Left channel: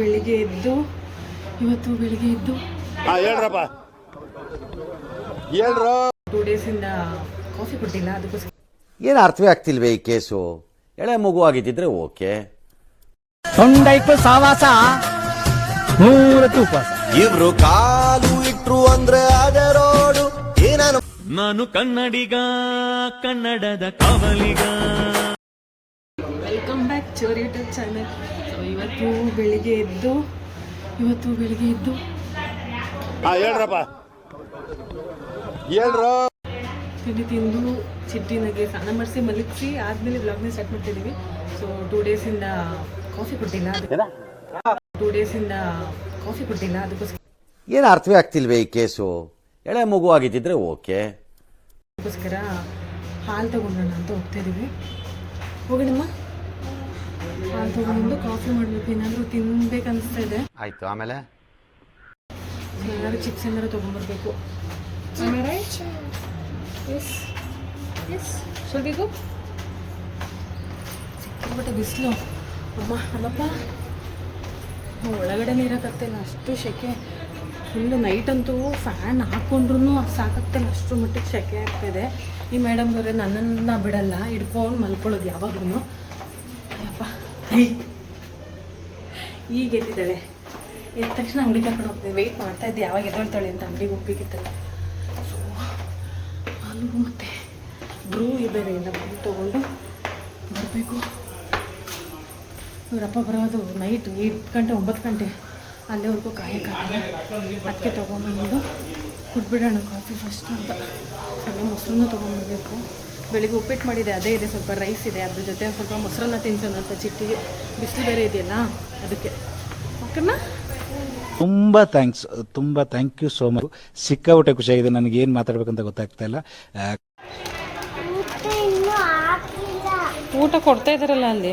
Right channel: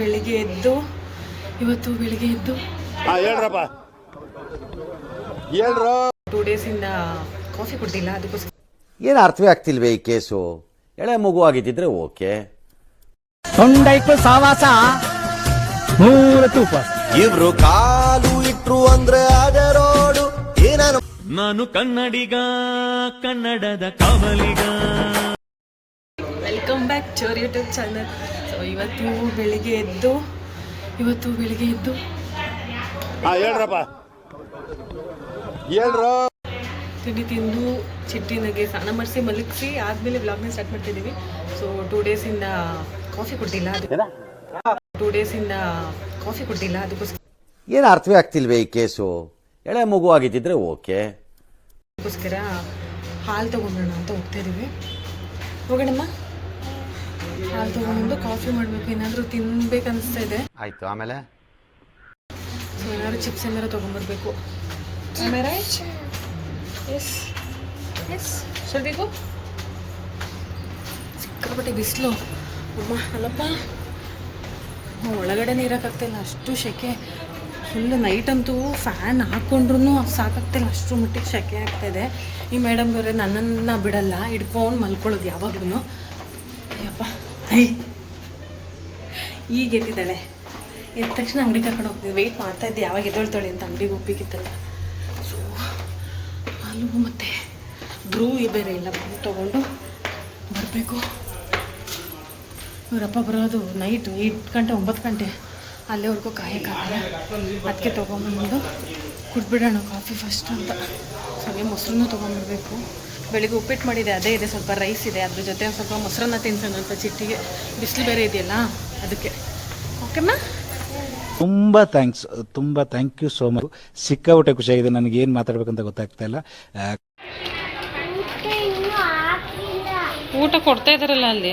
ಬೆಳಿಗ್ಗೆ ಎದ್ದು ಹೇಳ್ರಪ್ಪ ಹೇಳ್ರು 2 ಡೇಸಿಂದ ಕಾಫಿ ಕುಡ್ದಿಲ್ಲ. ಅದಕ್ಕೋಸ್ಕರ ಏನು ಅರ್ಥವೇ ಆಗ್ತಿಲ್ವೇ ಈ ಕೇಸು. ಎಳೆ ಮಗು ಆಗಿದ್ದಿದ್ರೆ ಓಕೆ. ತೊಂಡೈಕು ಸಾವಾಸ ಮೂರತ್ತು ಉಪವಾಸ. ಇವ್ರು ಕಾಲು ಇಟ್ರು ಅಂದ್ರೆ ಅದೇ ರೋಡು. ನಾನು ಕನ್ನಡಿಗ, ಕನ್ನಡದ ಕಾವಲಿಗ. Welcome back to our YouTube channel. So ಇವತ್ತು ಬೆಳಿಗ್ಗೆ ಎದ್ದು ಹೇಳ್ರಪ್ಪ ಹೇಳ್ರು ತಿಂಡಿ ತಿಂದು ಚಿಟ್ಟಿನಾಗೆ ಸ್ನಾನ ಮಾಡಿಸಿ ಮಲಗಿಸಿ ಆದಮೇಲೆ ವ್ಲಾಗ್ನ ಸ್ಟಾರ್ಟ್ ಮಾಡ್ತಿದ್ದೀವಿ. ಸೊ 2 ಡೇಸಿಂದ ಕಾಫಿ ಕುಡ್ದಿಲ್ಲ. ಅದಕ್ಕೋಸ್ಕರ ಏನು ಅರ್ಥವೇ ಆಗ್ತಿಲ್ವೇ ಈ ಕೇಸು. ಎಳೆ ಮಗು ಆಗಿದ್ದಿದ್ರೆ ಓಕೆ. ಅದಕ್ಕೋಸ್ಕರ ಹಾಲು ತೊಗೊಂಡ್ರೋಣ ಅಂತ ಹೋಗ್ತಾ ಇದ್ದೀವಿ. ಹೋಗೋಣಮ್ಮ, ಹಾಲು ತೊಗೊಂಡು ಕಾಫಿ ಮಾಡಬೇಕು. ಏನಾದರೂ ತಿನ್ಬೇಕನ್ನಿಸ್ತಾ ಇದೆ. ಆಯ್ತು, ಆಮೇಲೆ ಸೊ ಏನಾದ್ರು ಚಿಪ್ಸ್ ಏನಾದ್ರು ತೊಗೊಂಡ್ಬರ್ಬೇಕು. ಆಮೇಲೆ ಎಸ್ ಸರಿಗೂ ಸಿಕ್ಕಾಪಟ್ಟೆ ಬಿಸಿಲು ಅಮ್ಮ. ಅಲ್ಲಪ್ಪ, ಒಳಗಡೆ ನೀರಾಕಾಗ್ತಿಲ್ಲ, ಅಷ್ಟು ಸೆಕೆ. ಫುಲ್ಲು ನೈಟ್ ಅಂತೂ ಫ್ಯಾನ್ ಹಾಕ್ಕೊಂಡ್ರೂ ಸಾಕಾಗ್ತಿಲ್ಲ, ಅಷ್ಟು ಮಟ್ಟಿಗೆ ಸೆಕೆ ಆಗ್ತಾಯಿದೆ. ಈ ಮೇಡಮ್ಗವ್ರೆ ನನ್ನನ್ನು ಬಿಡಲ್ಲ, ಹಿಡ್ಕೊಂಡು ಮಲ್ಕೊಳ್ಳೋದು ಯಾವಾಗ್ಲೂ. ಅಯ್ಯಪ್ಪ, ಈಗ ಎದ್ದಿದ್ದಾಳೆ. ಎದ್ದ ತಕ್ಷಣ ಅಂಗಡಿ ಕರ್ಕೊಂಡು ಹೋಗ್ತೀನಿ. ವೆಯ್ಟ್ ಮಾಡ್ತಾಯಿದ್ದೆ ಯಾವಾಗ ಎದ್ದೊಳ್ತಾಳೆ ಅಂತ. ಅಂಗಡಿಗೆ ಹೋಗ್ಬೇಕಿತ್ತಲ್ಲ. ಸೊ ಹಾಲು ಮತ್ತು ಬ್ರೂ ಬೇರೆ ಇಲ್ಲ, ಬ್ರೂ ತೊಗೊಂಡು ಬರಬೇಕು. ಇವರಪ್ಪ ಬರೋದು ನೈಟ್ 8 ಗಂಟೆ 9 ಗಂಟೆ, ಅಲ್ಲಿವರೆಗೂ ಕಾಯಕ್ಕಾಗಲ್ಲ. ಅದಕ್ಕೆ ತೊಗೊಂಬಂದು ಕುಡ್ಬಿಡೋಣ ಕಾಫಿ ಫಸ್ಟ್ ಅಂತ. ಹಾಗೆ ಮೊಸರನ್ನ ತೊಗೊಂಬರ್ಬೇಕು. ಬೆಳಿಗ್ಗೆ ಉಪ್ಪಿಟ್ಟು ಮಾಡಿದೆ, ಅದೇ ಇದೆ. ಸ್ವಲ್ಪ ರೈಸ್ ಇದೆ, ಅದ್ರ ಜೊತೆ ಒಂದು ಸ್ವಲ್ಪ ಮೊಸರನ್ನ ತಿನ್ಸೋಣ ಅಂತ. ಚಿಟ್ಟಿಗೆ ಬಿಸಿಲು ಬೇರೆ ಇದೆಯಲ್ಲ, ಅದಕ್ಕೆ. ಓಕೆಮ್ಮ, ತುಂಬ ಥ್ಯಾಂಕ್ ಯು ಸೋ ಮಚ್. ಸಿಕ್ಕಾಪಟ್ಟೆ ಖುಷಿಯಾಗಿದೆ. ನನಗೆ ಏನು ಮಾತಾಡ್ಬೇಕಂತ ಗೊತ್ತಾಗ್ತಾ ಇಲ್ಲ. ಊಟ ಕೊಡ್ತಾ ಇದ್ದಾರಲ್ಲ ಅಲ್ಲಿ,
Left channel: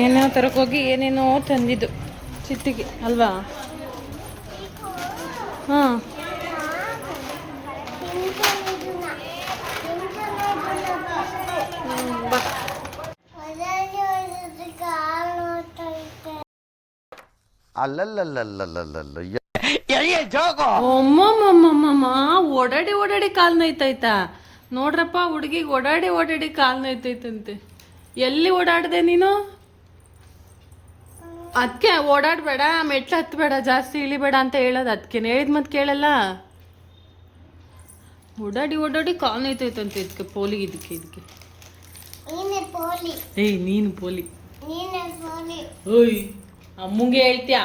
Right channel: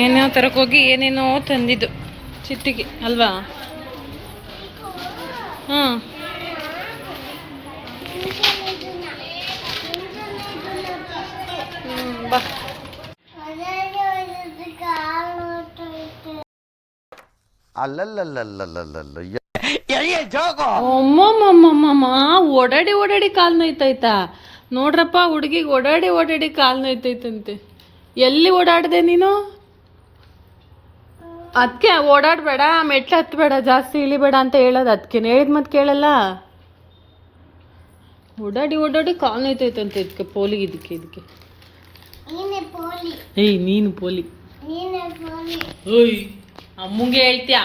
ಏನೇನೋ ತರಕೋಗಿ ಏನೇನೋ ತಂದಿದ್ದು ಚಿಟ್ಟಿಗೆ ಅಲ್ವಾ? ಹಾಂ, ಬಾ. ಅಲ್ಲಲ್ಲಲ್ಲಲ್ಲಲ್ಲಲ್ಲ ಅಮ್ಮಮ್ಮಮ್ಮಮ್ಮ, ಓಡಾಡಿ ಕಾಲು ನೋಯ್ತಾಯ್ತಾ? ನೋಡ್ರಪ್ಪ, ಹುಡುಗಿಗೆ ಓಡಾಡಿ ಕಾಲು ನೋಯ್ತೈತಂತೆ. ಎಲ್ಲಿ ಓಡಾಡಿದೆ ನೀನು? ಅದಕ್ಕೆ ಓಡಾಡಬೇಡ, ಮೆಟ್ಲು ಹತ್ತಬೇಡ, ಜಾಸ್ತಿ ಇಳಿಬೇಡ ಅಂತ ಹೇಳೋದು. ಅದಕ್ಕೆ ಹೇಳಿದ ಮತ್ತೆ ಕೇಳಲ್ಲ. ಓಡಾಡಿ ಕಾಲು ನೋಯ್ತೈತಂತೆ. ಇದಕ್ಕೆ ಪೋಲಿಗೆ ಇದಕ್ಕೆ ಏಯ್, ನೀನು ಪೋಲಿ. ಓಯ್, ಅಮ್ಮಂಗೆ ಹೇಳ್ತ್ಯಾ?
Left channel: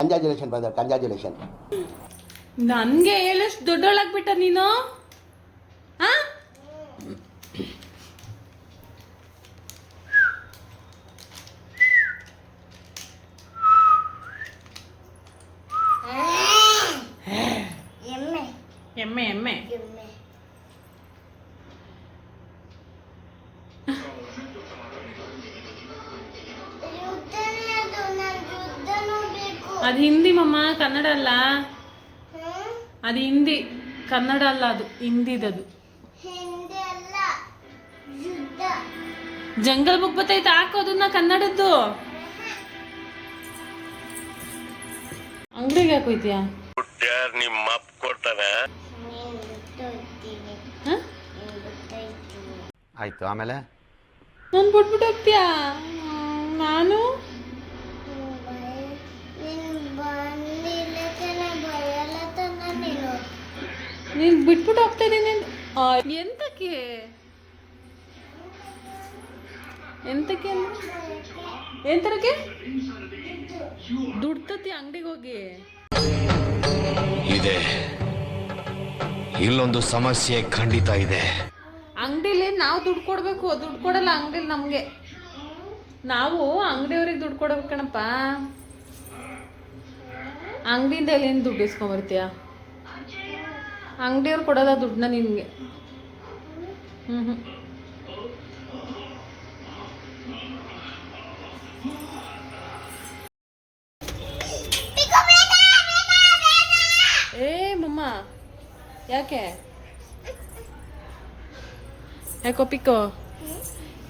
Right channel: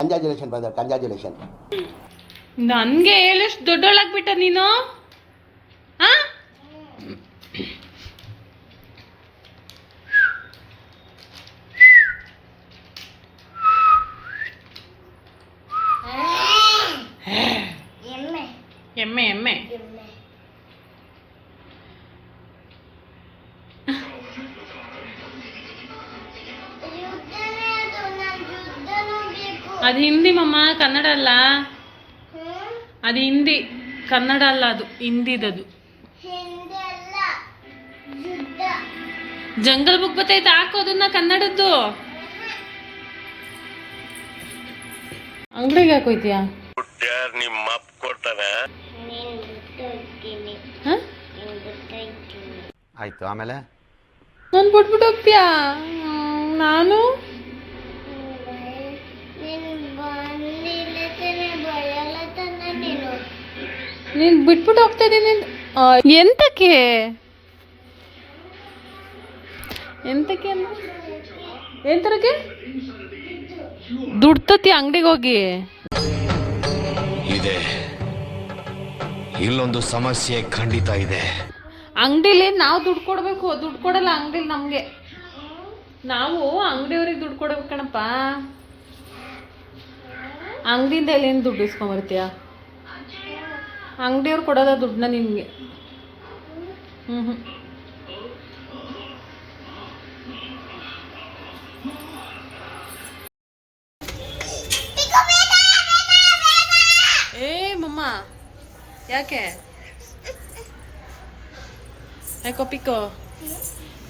Congratulation brother, congratulation. ನನಗೆ ಹೇಳಷ್ಟು ದೊಡ್ಡೋಳಾಗ್ಬಿಟ್ಟ ನೀನು. ಹಾಂ, ಎಮ್ಮೆ ಅದು ಹಿಂದಿ ಮಮ್ಮ, ಕನ್ನಡ ಅಲ್ಲ. ಅದು ಹಿಂದಿ, ಕನ್ನಡ ಅಲ್ಲ. ಅದು ಹಿಂದಿದದು. Jungle book ಬತ್ತೈತೆ, ಹಾಕೋದನ್ನ ಕನ್ನಡದ್ದು. ಅಂಗಡಿಗೆ ಹಾಕೋಯ್ತೀಯಾ? ನಿಮ್ಮ ಕೊಡ್ತಾನೆ. ಆಯ್ತು, ಆಮೇಲೆ ನಾನು ಬಿಟ್ಬಿಟ್ಟು ಹೋಗ್ತೀಯಾ? ನಾನು ನೀನು ಬಿಟ್ಬಿಟ್ಟು ಹೋಗ್ತಾ ಇದ್ದೀನಿ. ಎಂತಕ್ಕೆ ಎಂತರಕ್ಕೆ ದುಡ್ಡು ತತ್ತಿ ಅಂಗಡಿಗೆ ಹೋಗಿ. ಇದೆ, ಇಲ್ಲೊಂದು ಸಮಸ್ಯೆ ಖಂಡಿತ ಇದೆ. ಅಂಗಡಿಲಿ ನಾವು ದುಡ್ಡು ಕೊಡಬೇಕು, ದುಡ್ಡು ಕೊಡಲ್ಲ ಅಂಗಡಿಲಿ ನಮಗೆ. ನಾವು ಅಂಗಡಿಯವ್ರಿಗೆ ದುಡ್ಡು ಕೊಡ್ಬೇಕು ಕಣಪ್ಪ. ಅಂಗಡಿಯಿಂದ ಎಲ್ಲಿಂದ ದುಡ್ಡು ಇಸ್ಕೊಂಬರ್ತೀಯ? ಅಂಗಡಿಯವ್ರು ಕೊಡೋದ ದುಡ್ಡನ್ನ ನಿನಗೆ. ಏ ಮಮ್ಮ, ಯಾಕೆ ಪಿಕ್ಕೋ?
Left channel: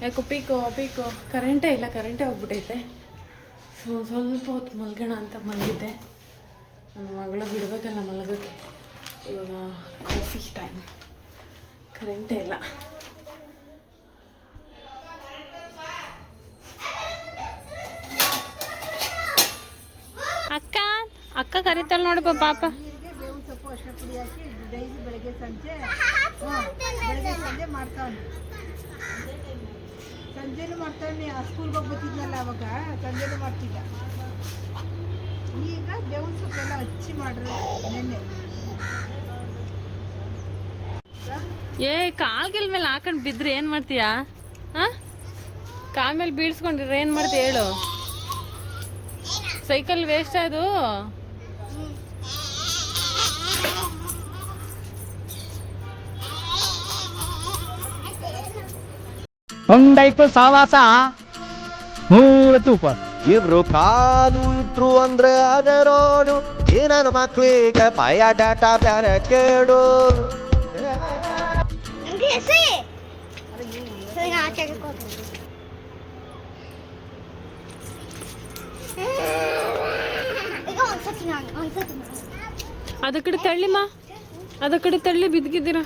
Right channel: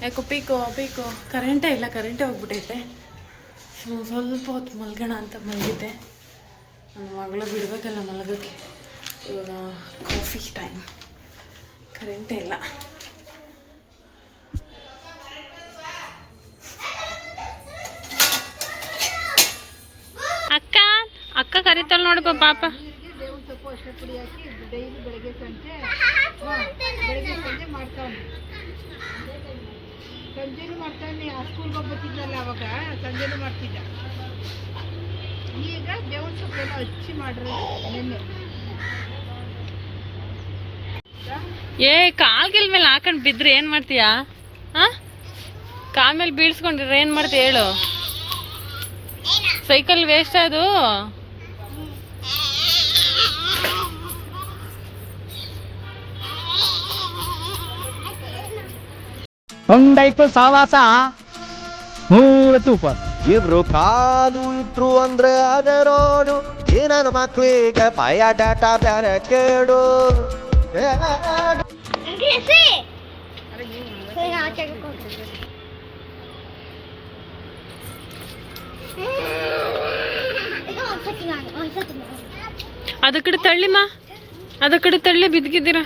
ಯಾಕೋ ಪೀಕೋ ಕರೆಂಟೇ ಇಲ್ಲ, ಕರೆಂಟೇ ಹೋಗ್ಬಿಟ್ಟೈತೆ. ಸ್ವಲ್ಪ ಹೊತ್ತು ಮಲ್ಗೋಣ ಅಂತ ಮಲಗಿದ್ದೆ. ನನ್ನ ಮಗಳ ಬಿಡಬೇಕಲ್ಲ ಮಲಗೋಕ್ಕೆ. ಇವಾಗ ಕಾಫಿ ಟೈಮ್, ಕರೆಂಟೇ ಇಲ್ಲ. ಅಕ್ಕ ಕರಿತಾಳೆ ನೋಡಪ್ಪ ಪಾಪ. ಸಂಜೆನೂ ಮಾಡ್ತಾನೆ, ಆ ಸ್ಕೂಲ್ಗೆ ಹೋಗ್ಬತ್ತಿದ್ನಲ್ಲ ಅವಾಗ ಸಂಜೆನೂ ಮಾಡ್ತಿದ್ದ. ಈಗ ಬೇವಿನ ಸೊಪ್ಪೆಲ್ಲ ಹಚ್ಚಿ ಮಾಡಿರೋದು ನೆನ್ನೆ. ಕಾಲ್ಗಿಲ್ ಮೇಲೆ ಹಾಕೊಂಡು ಬಿದ್ರೆ ಏನು ಮಾಡ್ತೀಯಾ? ಕಾಲ್ ಮೇಲೆ ಬೀಳ್ಸ್ಕೊಂಡಿದ್ರೆ ಏನು ಮಾಡ್ತೀಯ ಹೇಳು? ಸೈಕಲ್ ವೇಸ್ಟ್ ಅದು. ಹೊಂಡೈಕು ಸಾವಾಸ ತೂಪ ಇಬ್ರು ಕಾಲು ಇಟ್ರು ಅಂದ್ರೆ ಅದೇ ರೋಡು. ಈ ನನ್ನ ಮಕ್ಳಿಗೆ ಬಯೋಡಾಟ ಬೇರೆ ಕೇಳು. ಅದ ಕಡೆ ತಳ್ಳಿಮ್ಮ, ಅದ ಕಡೆ ತಳ್ಳಿ ಬಿದ್ದಿದ್ದೀರಾ.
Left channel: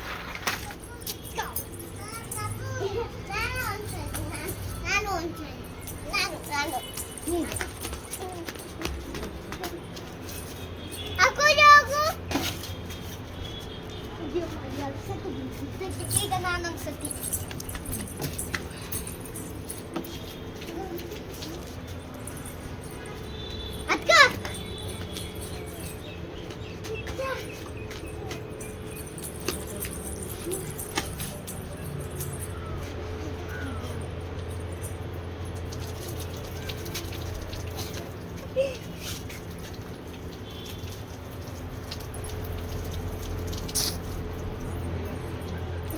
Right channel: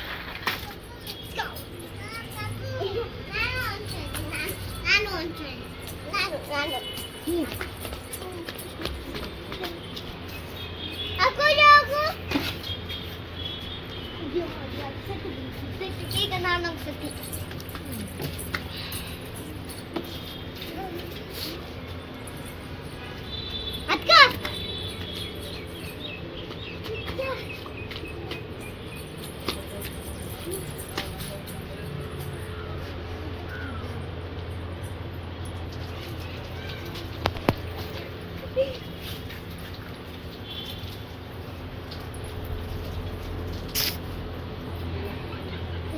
ಈಗ ನಾನು ಅನ್ಸತಿ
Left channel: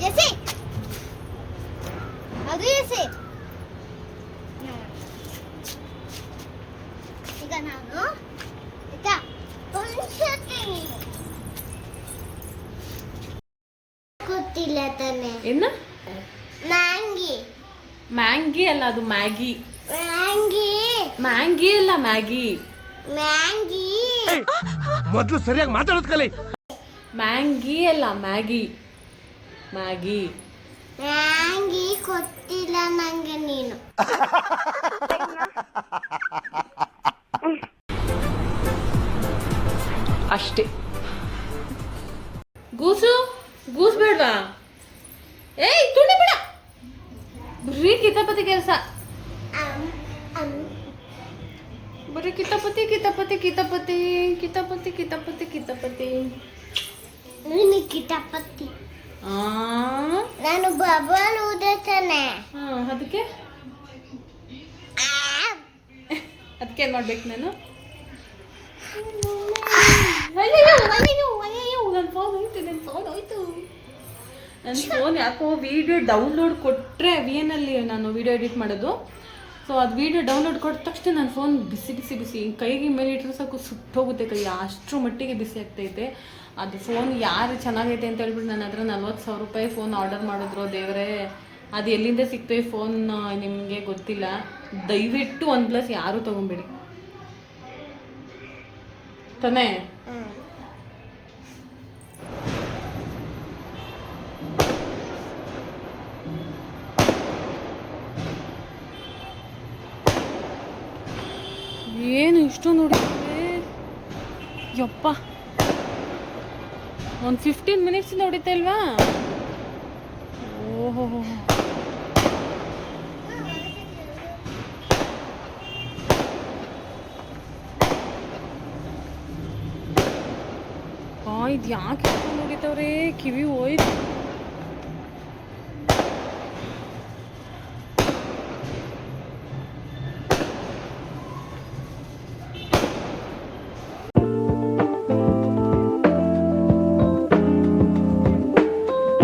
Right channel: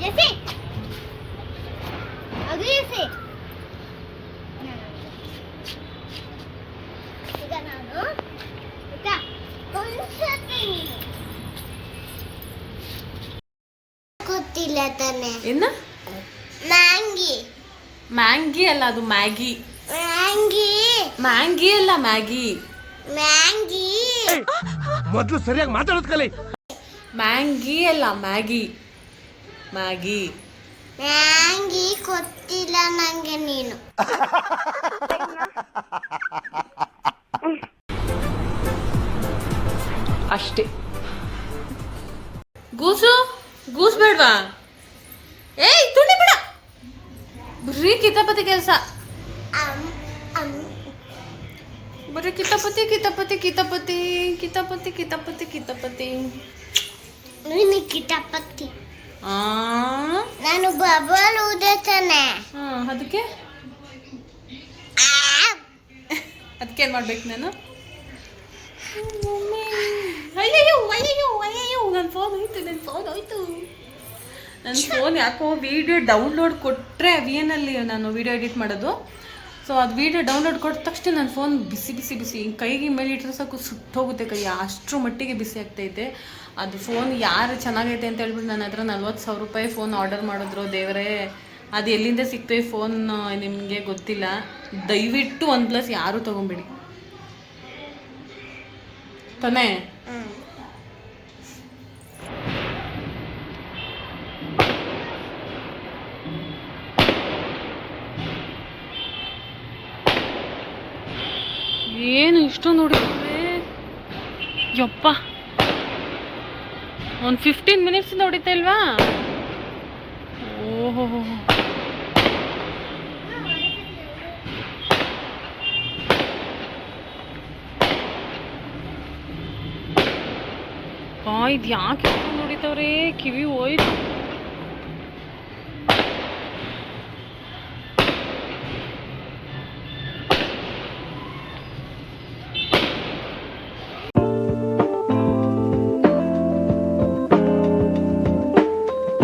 जैसे अभी ऐसे ಈಗ ನಾನು ಆಯ್ತಾ ಒಂದ್ಸತಿ ನೀನು ಗೊತ್ತಿಲ್ಲ ತಾನೆ. ಏನ? ಮ್ಯಾಂಗಿ. ಮ್ಯಾಂಗಿ ಅಲ್ಲ, ಅದು ಮ್ಯಾಗಿ. ಮ್ಯಾಂಗಿ ಮ್ಯಾಂಗಿ ಅಲ್ಲ, ಮ್ಯಾಗಿ. ಮ್ಯಾಂಗಿ ಮೊದಲು ಸರಿಯಾಗಿ ಮಾತಾಡೋದು ಕಲಿ. ಮ್ಯಾಂಗಿ ಅಲ್ಲ, ಮ್ಯಾಗಿ. ಮ್ಯಾಗಿ ಮ್ಯಾಂಗಿ ಗೊತ್ತಿಲ್ಲ ನಂಗೆ ನೀನು. ಅಷ್ಟೇ. ಗೂಸ್ ಬೇಡ್ವಾ? ಏಯ್ ತುಳಿ ಬಿಡ, ಬರೀ ಕಿತಾಪತಿ ಕೆಲಸ. ಬರೀ ಕಿತಾಪತಿ ಕಿತಾಪತಿ ಕಿತಾಪತಿ ಕಿತಾಪತಿ ಕಿತಾಪತಿ ಕಿತಾಪತಿ. ನೀನು ಕಿತಾಪತಿ. ನಾನು ಬಬಲ್ ಊದತಾನೆ. ಅದಕ್ಕೆ ಅದಕ್ಕೇನು ಮಾಡ್ಬೇಕು ನಾನು? ಅಯ್ಯಯ್ಯೋ ಅಯ್ಯಯ್ಯೋ ಅಯ್ಯಯ್ಯೋ, ನನ್ನ ಫೋನ್ ಹೋಯ್ತು. ನನ್ನ ಫೋನ್ ಯಾಕೋ ವಿಡಿಯೋ ಡೌನ್ಲೋಡ್ ಕೊಟ್ಟರೆ ವಿಎನಲ್ಲಿ ನಾನು ವಿಡಿಯೋ ಎಡಿಟ್ ಮಾಡೋದು. ಸೊ ಅದು ವಿಡಿಯೋ ಡೌನ್ಲೋಡ್ ಕೊಟ್ಟ ತಕ್ಷಣ ನನ್ನ ಫೋನ್ ಬಿಸಿ ಕೈಗೆ ಮೇಲೆ ಇಟ್ಟರೆ ಸಾಕು ಸುಟ್ಟೋಗುತ್ತೆ ಕೈ, ಅಷ್ಟರ ಮಟ್ಟಿಗೆ ಬಿಸಿ ಆಗ್ತೈತೆ. ಅದು ಫೋನ್ ಯಾರು ಚೆನ್ನಾಗೈತೆ ಅಂತ ಹೇಳ್ಬಿಟ್ಟು ನನ್ನ ಹತ್ರ 40,000 ರೂಪಾಯಿ ಫೋನ್ ಆರ್ಡರ್ ಮಾಡಿದ್ರು. ದೇವರೇ, ಅದು ಎಲ್ಲಿಂದ ಸಿಕ್ತು ಈ ಫೋನ್ ನಿಮಗೆ ಗೊತ್ತಿಲ್ಲ. ದಯವಿಟ್ಟು OnePlus ಯಾರೂ ತೊಗೊಂಬೇಡಿ ತಾನೇ. ಏನು ಇಷ್ಟೊಂದು ನೋಡಿದ್ರೆ ಯಪ್ಪ, ಒಂದು 15 ಮಿನಿಟ್ಸಿಂದ ಹೊಡಿತಾ ಇಲ್ವಾ? ಓಹೋ, ಇದು ಯಾಕೆ ಹೊಡಿತಾವ್ರೆ? ಕಿವಿ ಹೋಯ್ತು.